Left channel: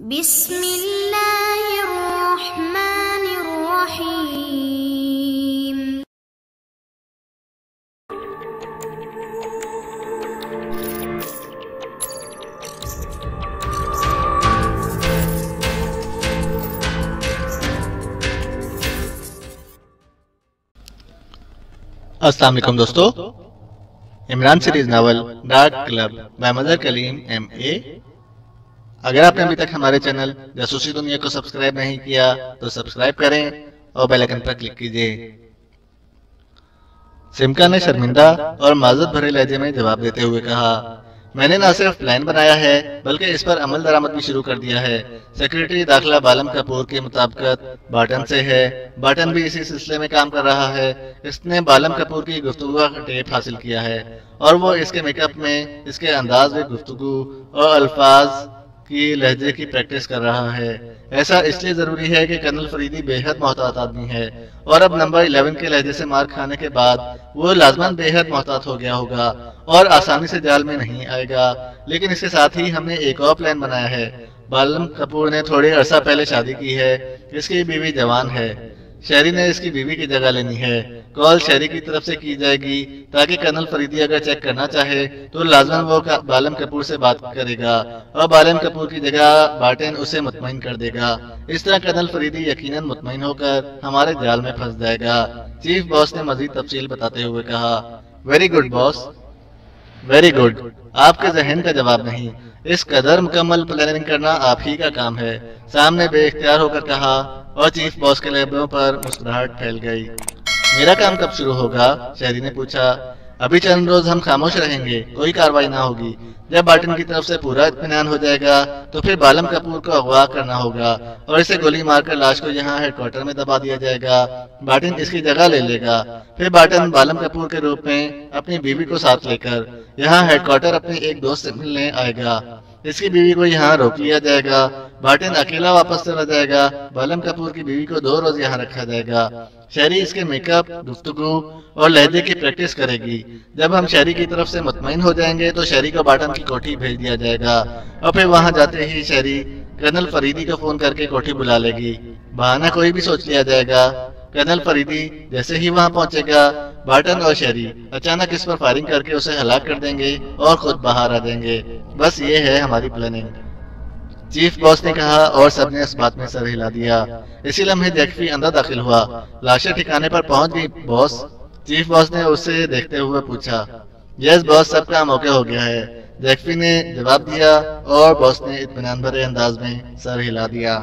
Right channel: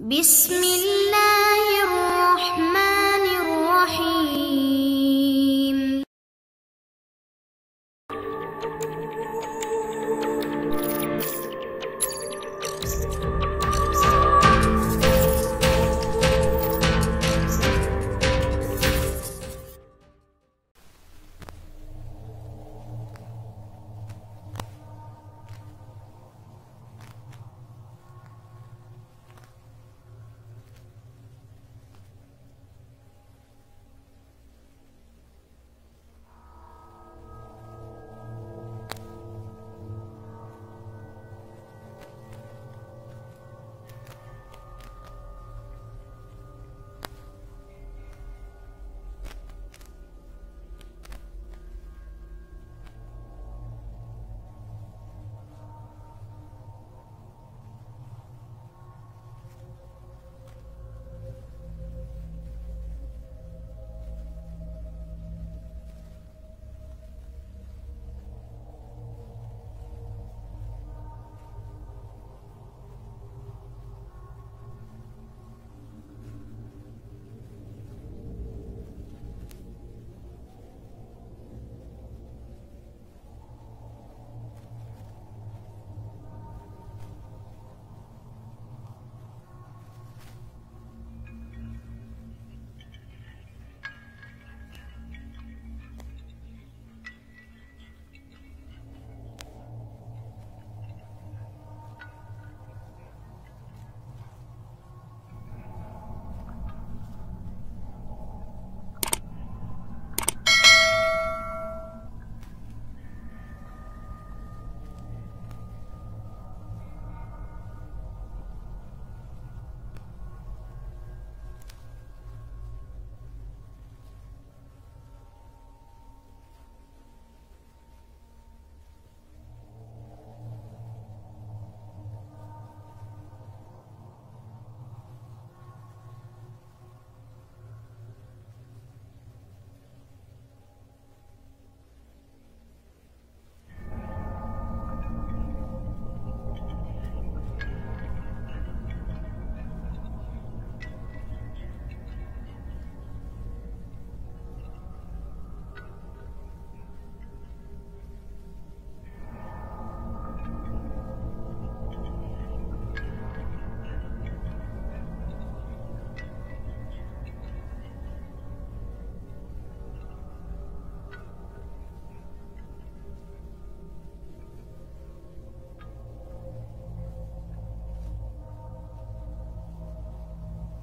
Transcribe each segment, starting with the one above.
بسم اللہ الرحمن الرحیم۔ السلام علیکم دوستو، Imran series novel dark club by Mazhar claim MA۔ اگر آپ نے ابھی تک ہمارے چینل جاسوسی دنیا کو سبسکرائب نہیں کیا تو سبسکرائب کریں اور بیل آئیکن پر کلک کیجئے۔ سمکا نے شرمندہ اور معذرت بھرے لہجے میں جواب دیتے ہوئے کہا، میں نے نہ صرف پلان بنایا ہے بلکہ اس پر عمل درآمد بھی شروع کر دیا ہے۔ سیکریٹری داخلہ بالم کپور کی مطابقت باٹن سے ہے۔ باٹن بھی اسی سلسلے میں کام کر رہا ہے۔ اس نے بالم کپور کی گفتگو کا ٹیپ حاصل کیا ہے اور وہ اس کے میک اپ میں اس کے انداز میں گفتگو اور الفاظ کی لہجے کی پریکٹس کر رہا ہے۔ ایسا اس لیے ضروری ہے کہ کرنل فریدی بے حد محتاط آدمی ہے اور اب نمبر 11 کے لہجے سے مار کھانے کے بعد وہ لازماً بے حد محتاط ہو گیا ہوگا اور آسانی سے جال میں نہیں آئے گا۔ لیکن اس کے ساتھ ہی ہم نے ایک اور پلان بنایا ہے۔ بالم کپور نے تھوڑے عرصہ پہلے شادی کی ہے۔ اس کی بیوی جوان ہے۔ شہری نے اس کی بیوی کی جگہ لینی ہے۔ کال شہری کی طرف سے کی جائے گی تاکہ کرنل فریدی اگر چیک کرنا چاہے تو لازماً وہ بالم کپور سے بات کرے گا اور بالم کپور کی جگہ باٹن اسے مطمئن کر دے گا۔ اس طرح کرنل فریدی یقیناً مطمئن ہو کر ہمارے جال میں پھنس جائے گا۔ چیف باس نے مزید تفصیل بتاتے ہوئے کہا، ویری گڈ باس، ویری گڈ۔ آپ کے ذہن کا جواب نہیں، اس قدر مکمل پلاننگ کرنا آپ ہی کا کام ہے، سام نے بے اختیار ہو کر کہا اور چیف باس کے لبوں پر مسکراہٹ پھیل گئی۔ میرا کام کب شروع ہوگا؟ شہری نے پوچھا۔ ابھی چند روز ہم خاموش رہیں گے، کوئی کارروائی نہ ہوگی۔ جب باٹن کی طرف سے پورا اطمینان ہو جائے گا تو پھر بالم کپور کو اغوا کرنا ہوگا اور اسے گولی مار کر لاش کو یہاں ہیڈ کوارٹر میں دبا دیا جائے گا۔ باٹن اس کی جگہ لے لے گا۔ پھر باٹن بالم کپور کے روپ میں اپنی بیوی کو ساتھ لے کر یہاں ہیڈ کوارٹر اپنے ایک دوست سے ملنے آئے گا۔ اس کی بیوی کو یہاں روک لیا جائے گا۔ باٹن اکیلا واپس چلا جائے گا۔ بالم کپور کی بیوی کو 2 روز یہاں رکھا جائے گا۔ شہری اس کے میک اپ، گفتگو اور لہجے کی پریکٹس کرے گی۔ جب ہم شہری کی طرف سے مطمئن ہو جائیں گے تو شہری کو باٹن کی کوٹھی بھیج دیا جائے گا اور پھر وہاں جاتے ہی شہری کرنل فریدی کو فون کر کے کوٹھی بلا لے گی۔ بہانہ کوئی بھی سوچ لیا جائے گا۔ کرنل فریدی جیسے ہی وہاں پہنچے گا، باٹن اور شہری اچانک اس پر فائرنگ کر کے اسے ہلاک کر دیں گے اور خود باہر آ جائیں گے۔ بس یہ ہے ہماری پلاننگ، چیف باس نے کہا اور سب نے اس بات میں سر ہلا دیا۔ اسی لمحے جیکفی اندر داخل ہوا۔ لاشیں ٹھکانے پر پہنچ گئی باس؟ چیف باس نے اسے دیکھتے ہوئے پوچھا۔ یس باس، سب کا موقع ہو گیا ہے، جیکفی نے جواب دیا اور باس نے اطمینان بھرے انداز میں سر ہلا دیا۔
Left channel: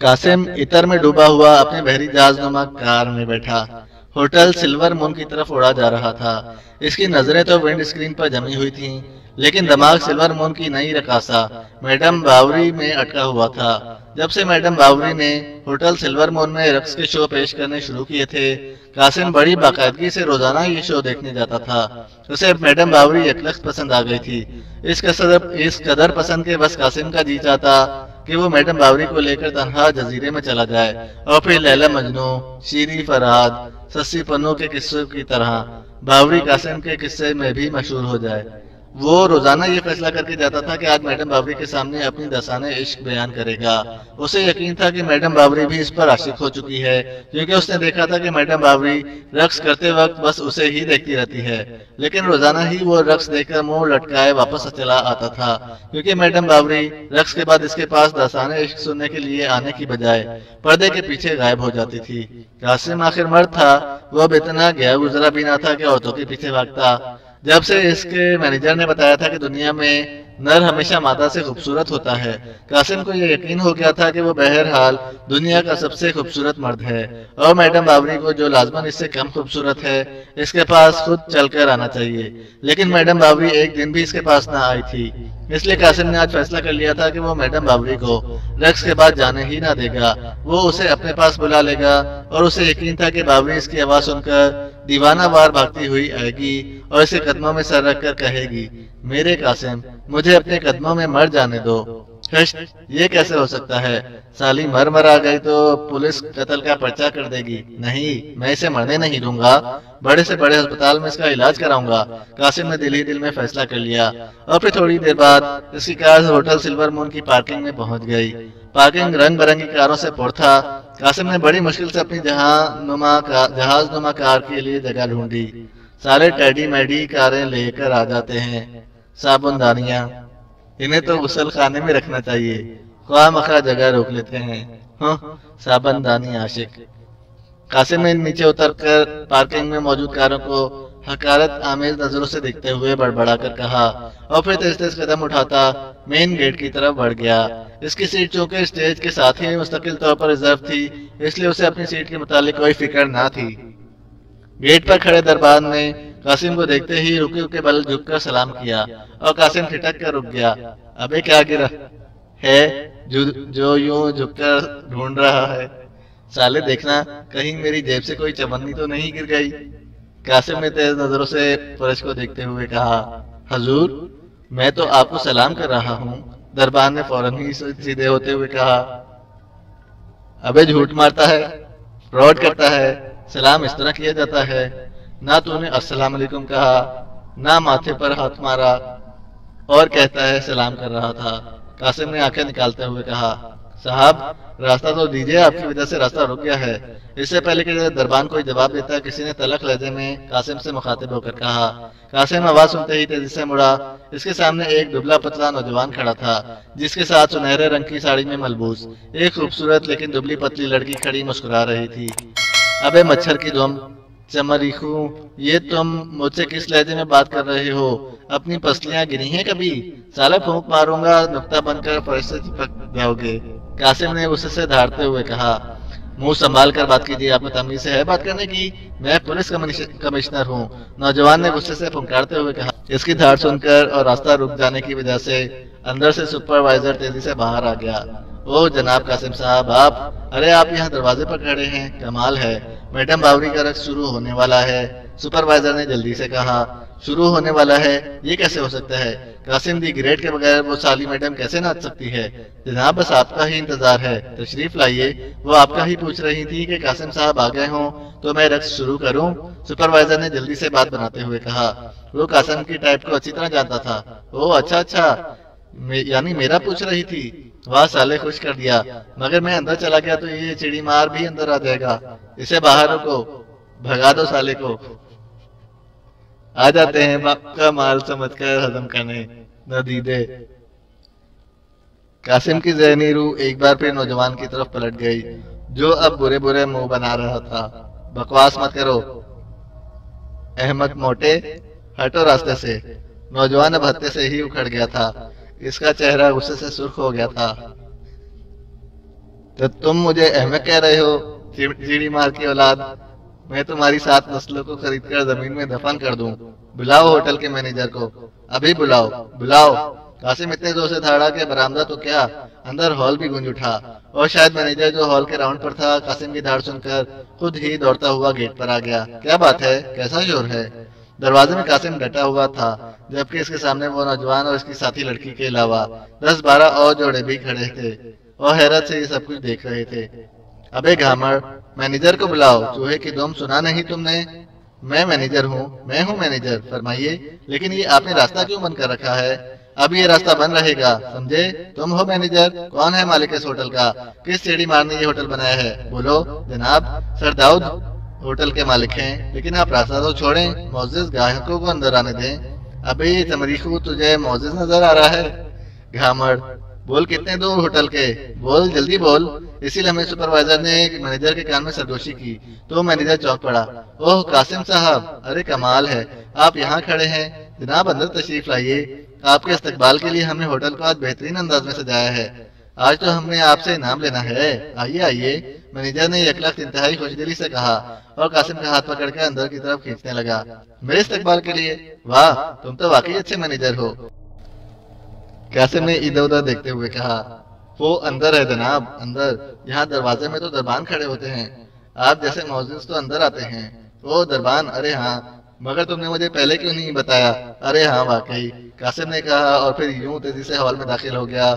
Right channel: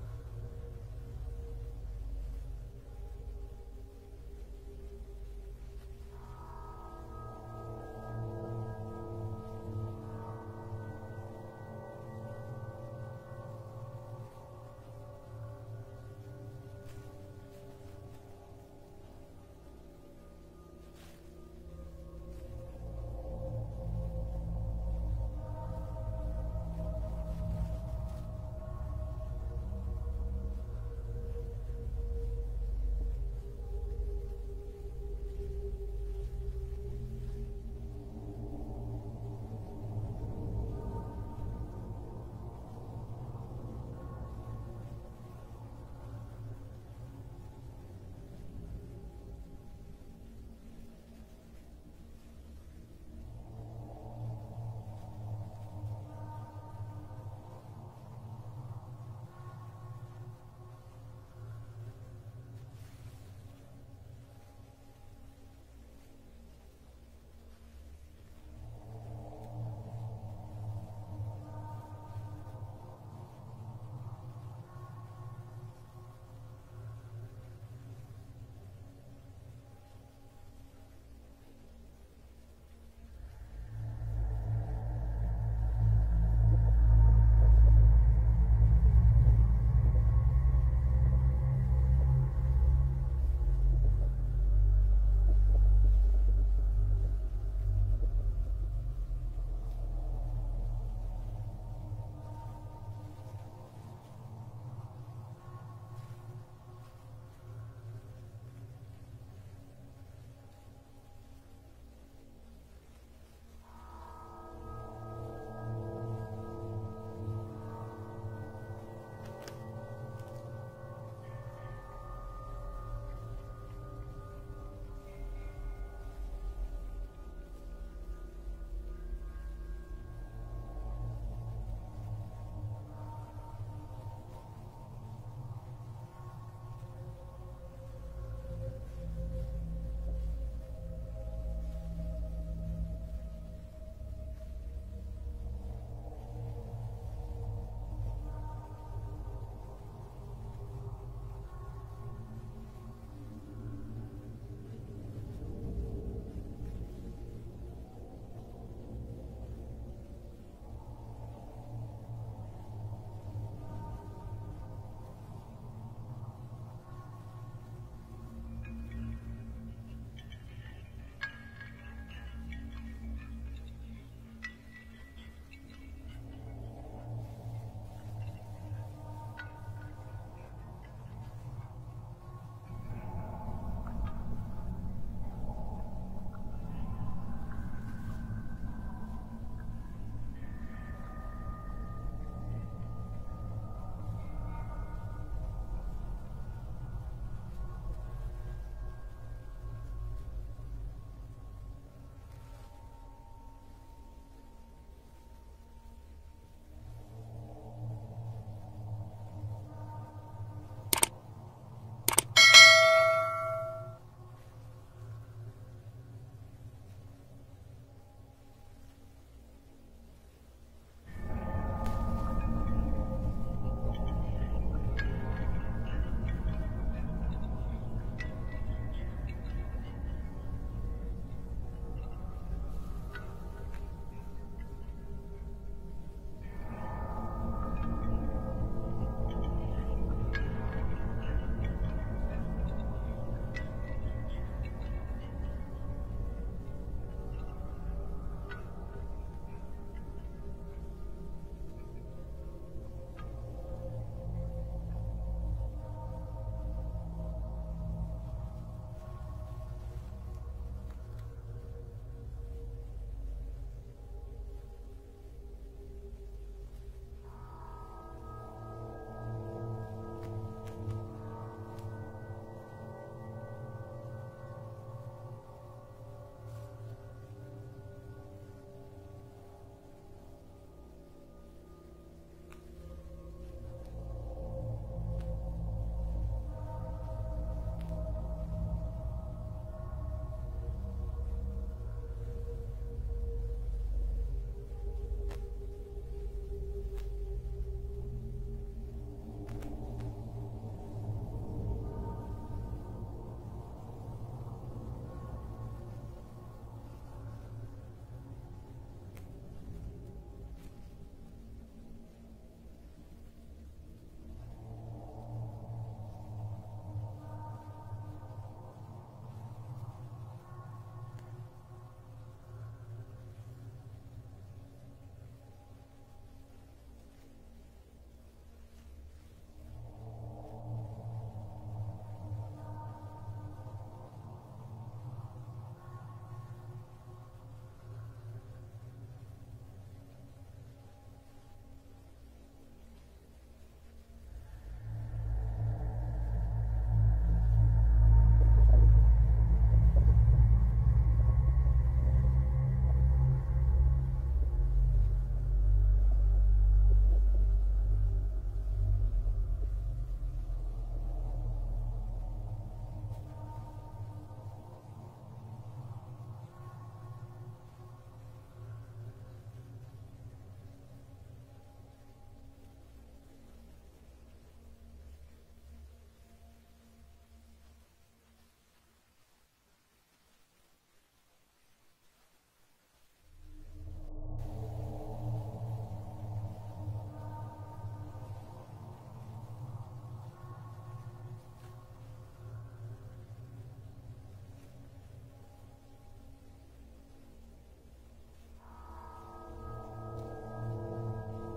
قاسم عطر میں ڈوبا ہوا اپنے بحری جہاز نما کار میں بیٹھا ہوٹل سلور مون کی طرف اڑا جا رہا تھا۔ اس کی نظریں تو ونڈ اسکرین پر جمی ہوئی تھیں لیکن دماغ سلور مون کی نئی رقاصہ میڈم باوری میں اٹکا ہوا تھا۔ جب سے میڈم باوری نے ہوٹل سلور مون میں رقص کے شو پیش کرنے شروع کیے تھے، قاسم بڑی باقاعدگی سے روزانہ یہ شو دیکھنے جاتا تھا۔ اسے میڈم باوری یکلخت پسند آ گئی تھی۔ اس قدر پسند کے بس قاسم کا جی چاہتا کہ وہ میڈم باوری کو لے کر تنہا جزیرے میں چلا جائے اور پھر لیلا مجنو، شیری فرہاد، سسی پنو کے قصوں کی طرح باوری قاسم کے قصے میں بھی مشہور ہو جائے۔ وہ روزانہ یہ فیصلہ کر کے جاتا تھا کہ آج میڈم باوری کے سامنے اپنی داستان عشق بیان کرے گا۔ اسے یقین تھا کہ میڈم باوری بھی اس پر عاشق ہو چکی ہے کیونکہ اس نے دیکھا تھا کہ میڈم باوری رقص کرتے وقت بس اسے ہی دیکھتی رہتی ہے، لیکن روزانہ ہی وہ رقص دیکھ کر منہ لٹکائے واپس چلا آتا تھا کیونکہ میڈم باوری رقص کے بعد اس کے پاس داستان عشق سننے کے لیے آنے کی بجائے پردے کے پیچھے غائب ہو جاتی تھی۔ قاسم آخر مرد تھا، وہ اب اتنا گیا گزرا بھی نہ تھا کہ عورتوں کے پیچھے بھاگتا۔ جب سے اس کے مینیجر نے بتایا تھا کہ دنیا میں نر ہمیشہ مادہ سے خوبصورت ہوتا ہے، قاسم کو یہ یقین ہو گیا تھا کہ وہ بہرحال دنیا کا سب سے خوبصورت مرد ہے اور میڈم باوری کو جو لازماً اس سے کم خوبصورت ہے اس کے پاس خود چل کر آنا چاہیے۔ لیکن میڈم باوری ایک دن بھی اس کے پاس نہ آئی تھی، اس لیے قاسم نے آج فیصلہ کر لیا تھا کہ وہ میڈم باوری کو رقص کے بعد جانے ہی نہ دے گا۔ وہ اسے اپنے پاس بلا لے گا اور اسے یقین تھا کہ باوری اس کی آواز سن کر دیوانہ وار بھاگتی ہوئی آئے گی اور اسے قدموں میں سر رکھ کر کہے گی، میرے قاسم، मुझे अपने कदमों में मर जाने दो। हश, ये कैसे हो सकता है? साली मर आ गई तो पुलिस कत्ल का पर्चा कर देगी। नहीं, मैं इसे मरने नहीं दूंगा। बड़े से बड़े अस्पताल में इसका इलाज कराऊंगा। कासिम ने दिल ही दिल में फैसला कर लिया और फिर थोड़ी देर बाद इसकी कार होटल सिल्वर मून की पार्किंग में पहुंच गई। पार्किंग रंग बिरंगी कारों से पुर था। कासिम ने बड़ी मुश्किल से अपनी जहाज नुमा कार के लिए जगह ढूंढी। सारे टेडी मेडी कारें लेकर आ जाते हैं। साबुनदानियां, इन्हें तो गुसल खाने में रखना चाहिए। ख्वाह मखा जगह रोक लेते हैं। साबुनदानी आशिक। कासिम ने नीचे उतरकर पार्किंग में मौजूद कारों को हकारत आमेज नजरों से देखते हुए बड़बड़ाकर कहा और फिर तेज तेज कदम उठाता मेन गेट की तरफ बढ़ गया। इसकी सीट चूंकि स्टेज के साथ ही मुस्तकिल तौर पर रिजर्व थी, इसलिए उसे अपनी सीट के मुतालिक कोई फिक्र ना थी। गेट पर खड़े दरबान ने कासिम को देखते ही रुके रुके बल झुककर सलाम किया और कासिम ठिठक कर रुक गया। अबे क्या गिरा है जो यूं झुककर ढूंढ रहा है? साले देखना कहीं मेरी जेब से कोई चवन्नी तो नहीं गिर गई। कासिम ने तेज नजरों से फर्श को देखते हुए कहा, हजूर, मैं तो आपको सलाम कर रहा हूँ। दरबान ने फौरन ही सीधे होते हुए कहा, अबे झूठ मारता है, फ्रॉड करता है। सलाम इस तरह किया जाता है। ना तूने अस्सलाम वालेकुम कहा, ना माथे पर हाथ मारा और कहता है सलाम कर रहा था। कासिम ने आंखें निकालते हुए कहा, साहब रास्ता तो दीजिए, आपकी वजह से रास्ता रुक गया है। इससे पहले कि दरबान कोई जवाब देता, किसी ने तलख लहजे में कासिम से मुखातिब होकर कहा। कासिम आवाज सुनते ही तेजी से मुड़ा। इसके सामने एक दुबला पतला नौजवान खड़ा था, जिसके साथ सुनहरे रंग की साड़ी में मलबूस एक खूबसूरत लेकिन दुबली पतली लड़की खड़ी मुस्कुरा रही थी। अबे मच्छर की दुम चमरीखू, ये तुम मुझसे किस लहजे में बात कर रहे हो? अपनी पसलियां गिनी है कभी? साला फूंक मारूंगा, नुक्ता बनकर फर्श से चिपक जाओगे। कासिम ने उसे से धारते हुए कहा, मुंह संभाल कर बात कीजिए, आप में तमीज है बात करने की? मैं पुलिस कमिश्नर हूँ। नौजवान ने गुस्से से फुंकारते हुए कहा। इसकी धार सुनकर और रास्ता रुक जाने की वजह से अंदर से सुपरवाइजर तेजी से बाहर आ गया। ओ जनाब कासिम साहब, आप? अरे आप यहाँ दरवाजे पर खड़े हैं, कमाल है। मैडम बावरी का रक्स शुरू होने वाला है। सुपरवाइजर ने जल्दी से कहा। शुरू होने वाला है? ये कैसे हो सकता है? कासिम दी ग्रेड के बगैर वो साली मैडम कैसे नाच सकती है? जनाब बस आपका ही इंतजार है, तशरीफ लाइए। वो आपका ही पूछ रही थी कि कासिम साहब आ गए हों तो मैं रक्स शुरू करूं। सुपरवाइजर ने जल्दी से बात बनाते हुए कहा। वो कासिम की टाइप को अच्छी तरह जानता था। ओ अच्छा, यानी मेरा पूछ रही थी। वाह साले, खुश कर दिया। मगर मैं अंदर चला गया तो ये चिड़ी मार भी अंदर आ जाएगा। इसे बाहर रोको, भगा दो साले को। आ जाते हैं बाप का माल समझकर हजम करने, न दीदे। कासिम की ज़हनी रूह एक बार फिर नौजवान की तरफ पलट गई, जो अब बुरे बुरे मुंह बना रहा था। बकवास मत करो अहमद मोटे, हटो रास्ते से। नौजवान अब हत्थे से ही उखड़ गया था। इसका चेहरा गुस्से से सुर्ख हो गया था। तो तुम मुझे अहमद कह रहे हो, चिड़ी मार की औलाद? मैं तुम्हारी 7 नस्लों को खरीदकर जमीन में दफन कर दूं। बुलाओ होटल के मैनेजर को, अभी बुलाओ। कासिम इतने जोर से धाड़ा कि बरामदा तो क्या, अंदर हॉल भी गूंज उठा। और शायद मैनेजर जो हॉल के राउंड पर था, कासिम की धाड़ सुनकर खुद ही दौड़ता हुआ गेट पर आ गया। क्या बात है, कैसा शोर है? दरवाजे में कासिम डटा हुआ था, जबकि इसके सामने वो नौजवान और इसकी साथी लड़की के अलावा 10-12 और जोड़े भी खड़े थे और हैरत से ये सब कुछ देख रहे थे। अबे घामड़, मैनेजर को बुलाओ। चूहे की दुम, सुना नहीं तुमने? मैं मैनेजर हूँ, मैं हूँ मैनेजर। फरमाइए। लेकिन ये आपने रास्ता क्यों बंद कर रखा है? अब ये रास्ता बंद रहेगा, समझे? तुम हो मैनेजर? कौन है मालिक इस होटल का? किस सीढ़ी मारने ये होटल बनाया है? बोलो। जनाब सर दाऊद होटल के मालिक हैं, लेकिन आप रास्ता तो छोड़ें, मौजूद ग्राहकों को अंदर आने दें। अबे ये तमरीखू, तुझे मौजूद नजर आ रहा है? घामड़, बोल कितने दूर होटल के? बोल जल्दी बोल। इसी लम्हे सुपरवाइजर ने मैनेजर के कान में सरगोशी की तो मैनेजर चौंक पड़ा। ओह कासिम साहब, अरे कमाल है, आप यहाँ खड़े हैं। जनाब अंदर तशरीफ लाइए। आपके इस्तकबाल के लिए हमने होटल को आज बेहतरीन अंदाज में सजाया है। आज तो हमने आपसे इनाम लेना है। आइए। मैनेजर ने यकलख्त इंतहाई खुशदिली से कहा और कासिम का हाथ पकड़कर अंदर की तरफ खींचने लगा। मेरे इस्तकबाल के लिए? वाह, तुम तो वाकई अच्छे मैनेजर हो। कासिम ने इधर उधर देखते हुए कहा। वो अंदर है जनाब, अंदर। यहाँ दरवाजे में तो दरबान खड़े होते हैं। आप जैसे मौजूद तो अंदर आते हैं। ओ दरबान, अरे हाँ, मगर तुमने मुझे पहले क्यों नहीं बताया? अरे हाँ वाकई, कासिम ने कहा और फिर यूं तेजी से हॉल में दाखिल हो गया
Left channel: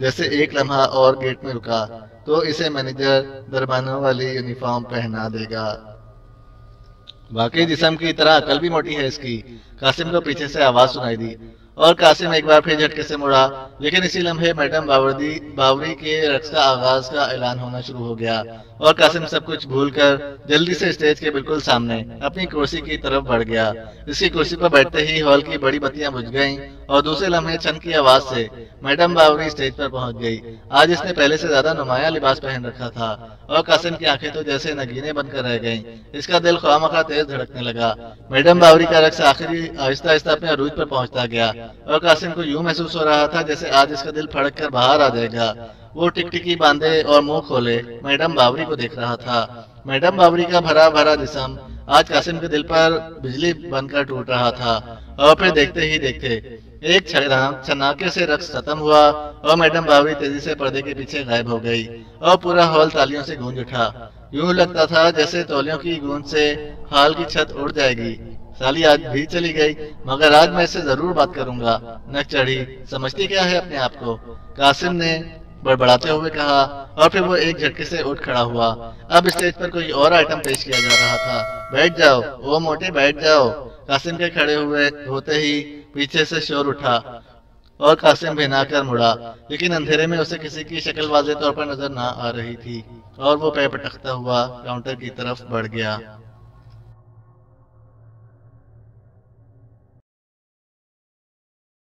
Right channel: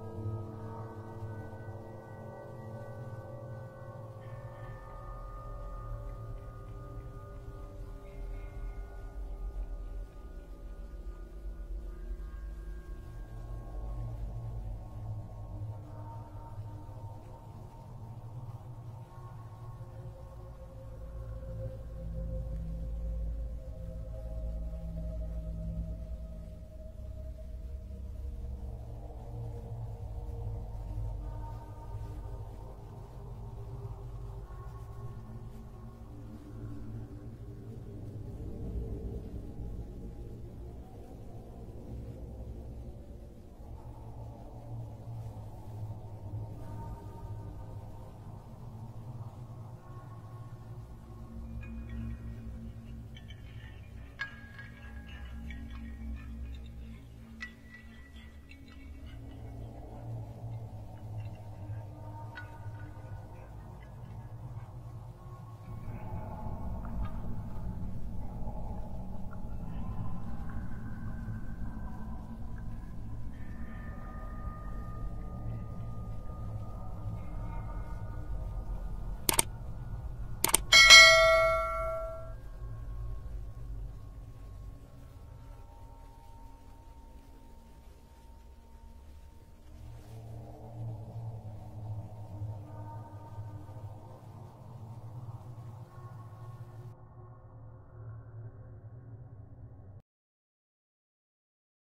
जैसे एक लम्हा और गेट में रुका तो इसे मैनेजर दरबानों वाली यूनिफॉर्म पहना देगा। वाकई जिस्म की तरह अकल भी मोटी है इसकी। कासिम को पीछे से आवाज सुनाई दी और कासिम एक बार फिर झटके से मुड़ा, लेकिन इसी लम्हे मैडम बावरी के रक्स का आगाज का ऐलान होना शुरू हो गया और कासिम सब कुछ भूलकर जल्दी से स्टेज के बिल्कुल सामने अपनी कुर्सी की तरफ बढ़ गया। इसकी कुर्सी पर बैठते ही हॉल की बड़ी बत्तियां बुझ गईं और दूसरे लम्हे छन की आवाज से मैडम बावरी स्टेज पर पहुंच गई। आज इसने पहले से ज्यादा नुमाया लिबास पहन रखा था और कासिम की आंखें तो जैसे नगीने बनकर रह गईं। इसका दिल ख्वामखा तेज धड़कने लगा। मैडम बावरी का रक्स आखिरी आहिस्ता आहिस्ता अपने अरूज पर पहुंचता गया और कासिम को यूं महसूस हो रहा था जैसे आज इसका दिल फड़क कर बाहर आ जाएगा। वो टिकटिकी बांधे और मुंह खोले मैडम बावरी को देख रहा था। मैडम बावरी का भरा भरा जिस्म आज कासिम के दिल पर बिजली बनकर टूट रहा था और फिर देखते ही देखते एक छनाके से रक्स खत्म हुआ और मैडम बावरी तेजी से पर्दे के पीछे गायब हो गई और पूरा हॉल तालियों से गूंज उठा। यूं लगता था जैसे तौलियों की गूंज से हॉल की छत उड़ जाएगी। साली आज भी चली गई, मगर आज मैं इससे जरूर बात करूंगा। नक चढ़ी, समझती क्या है अपने आप को? कासिम ने बड़बड़ाते हुए कहा और फिर वो एक झटके से उठ खड़ा हुआ। अब स्टेज पर कोई और आइटम पेश किया जा रहा था। बैठ जाओ ओ मोटे, बैठ जाओ। कासिम के खड़े हुए होते ही पीछे से शोर उठा और कासिम भिनाकर मुड़ा, लेकिन अंधेरे में उसे किसी की शक्ल वाज़ेह तौर पर नजर ना आ रही थी और वो पैर पटकता हुआ काउंटर की तरफ बढ़ गया।